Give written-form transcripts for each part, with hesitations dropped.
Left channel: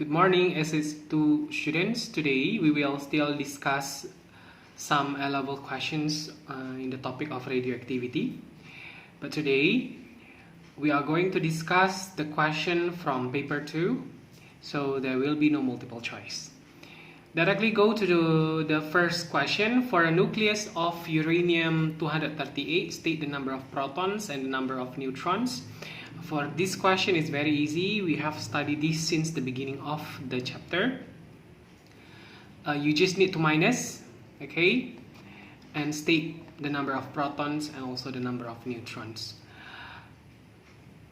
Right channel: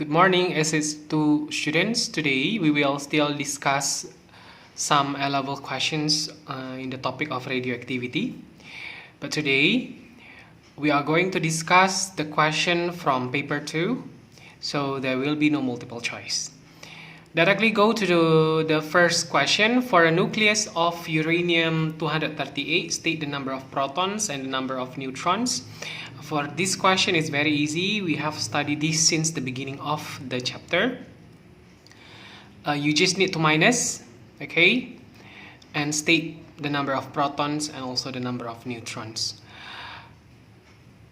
Good morning, SS2 students. Today we will still discuss some A-level questions in the topic of radioactivity. But today we are going to discuss the question from paper 2, so there will be no multiple choice. Directly go to the first question. For a nucleus of uranium-238, state the number of protons and the number of neutrons. For this question, it's very easy. We have studied this since the beginning of the chapter. You just need to minus, okay, and state the number of protons and also the number of neutrons.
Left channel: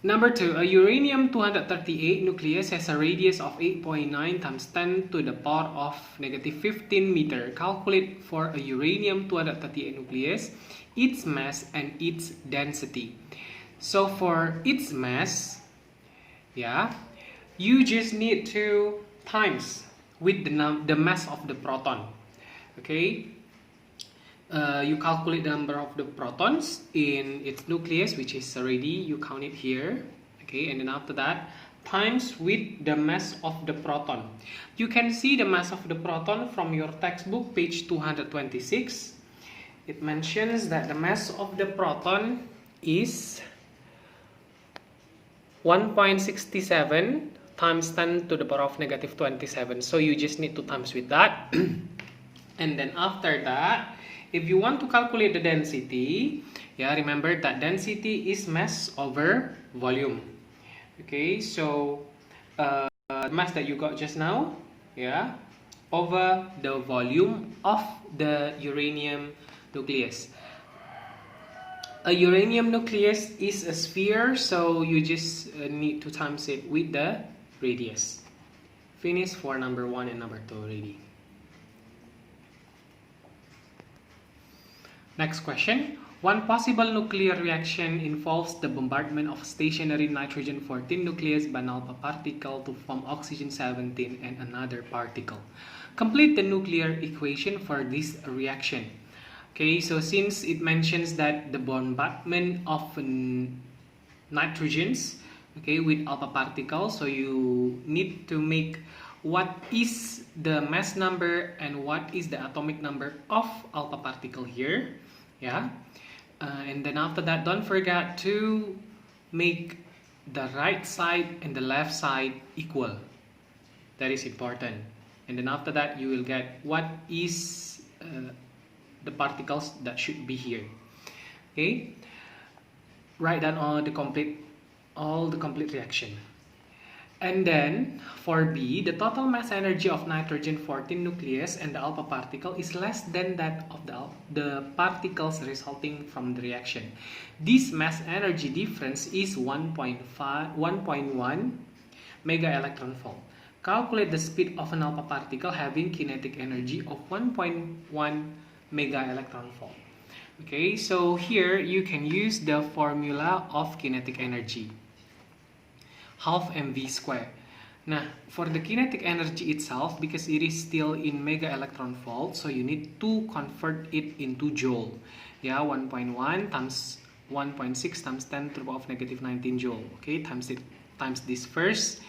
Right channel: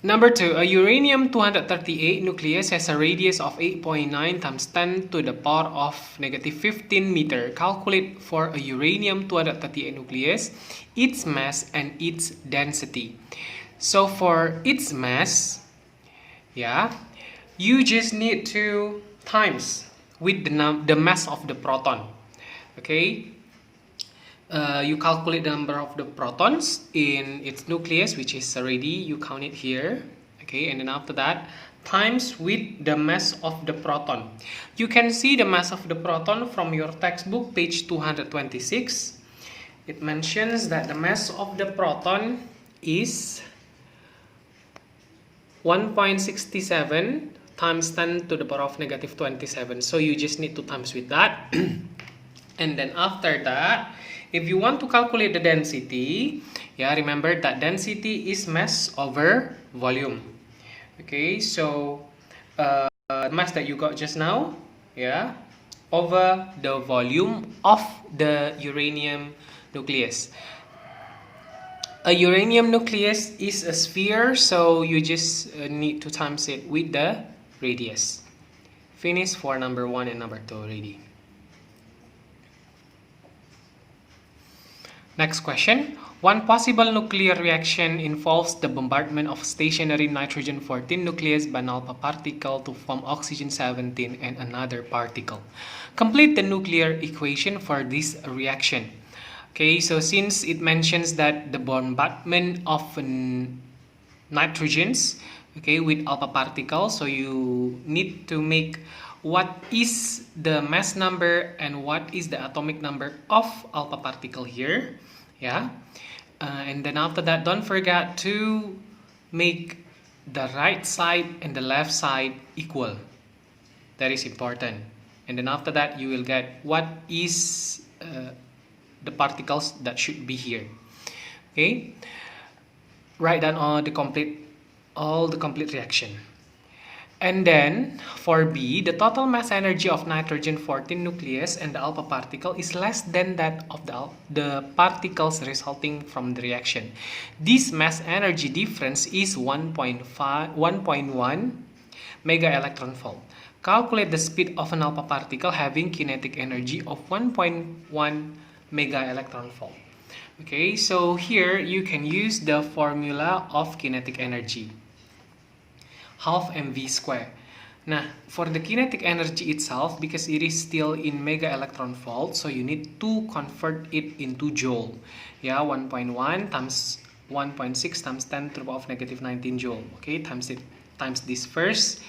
Number 2, a uranium-238 nucleus has a radius of 8.9 times 10 to the power of -15 meter. Calculate for a uranium-238 nucleus its mass and its density. So for its mass, you just need to times with the mass of the proton. Okay, you calculate the number of the protons in its nucleus, which is already, you count it here. Okay, and then after that times with the mass of the proton. You can see the mass of the proton from your textbook, page 226. It mentions that the mass of the proton is 1.67 times 10 to the power of -27. So you just need to times with that. And then after that, if you want to calculate the density, remember that density is mass over volume. Okay, so the mass that you got just now, over the volume of the uranium nucleus. A uranium nucleus is a sphere, so you just need to times it with the radius. Finish for number 1 and number 2 already. Next question. One possible nuclear reaction involves the bombardment of stationary nitrogen-14 nucleus by an alpha particle to form oxygen-17 and another particle. Complete the nuclear equation for this reaction. Okay, so since it mentions that the bombardment of nitrogens, okay, with alpha particles, so you need to make what is the mass number and what is the atomic number of alpha particle here. And then after that, don't forget to make the right side and the left side equal. That is important. And then after that, you will get what is the particles that should be here. Okay, write down all the complete reaction. And then for B, the total mass energy of nitrogen-14 nucleus and the alpha particle is less than that of the particles resulting from the reaction. This mass energy difference is 1.1 mega electron volt. Calculate the speed of an alpha particle having kinetic energy of 1.1 mega electron volt. Okay, so here you can use the formula of kinetic energy, half mv square. Now, for the kinetic energy itself, because it is still in mega electron volt, so you need to convert it into joule. 1.1 times 1.6 times 10 to the power of -19 joule. Okay, times this first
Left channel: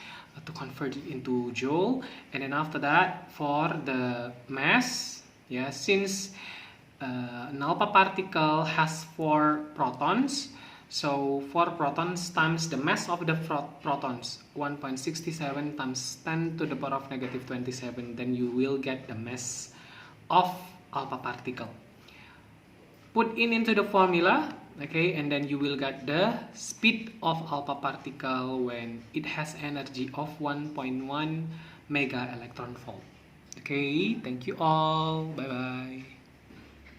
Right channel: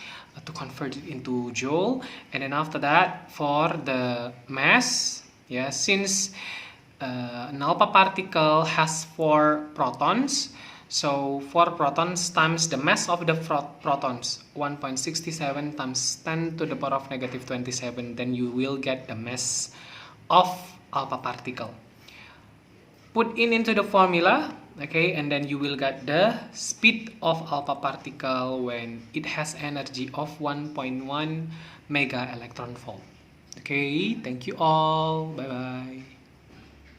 to convert it into joule, and then after that for the mass, since an alpha particle has 4 protons, so 4 protons times the mass of the protons, 1.67 times 10 to the power of -27, then you will get the mass of alpha particle. Put into the formula, okay, and then you will get the speed of alpha particle when it has energy of 1.1 mega electron volt. Okay, thank you all. Bye bye.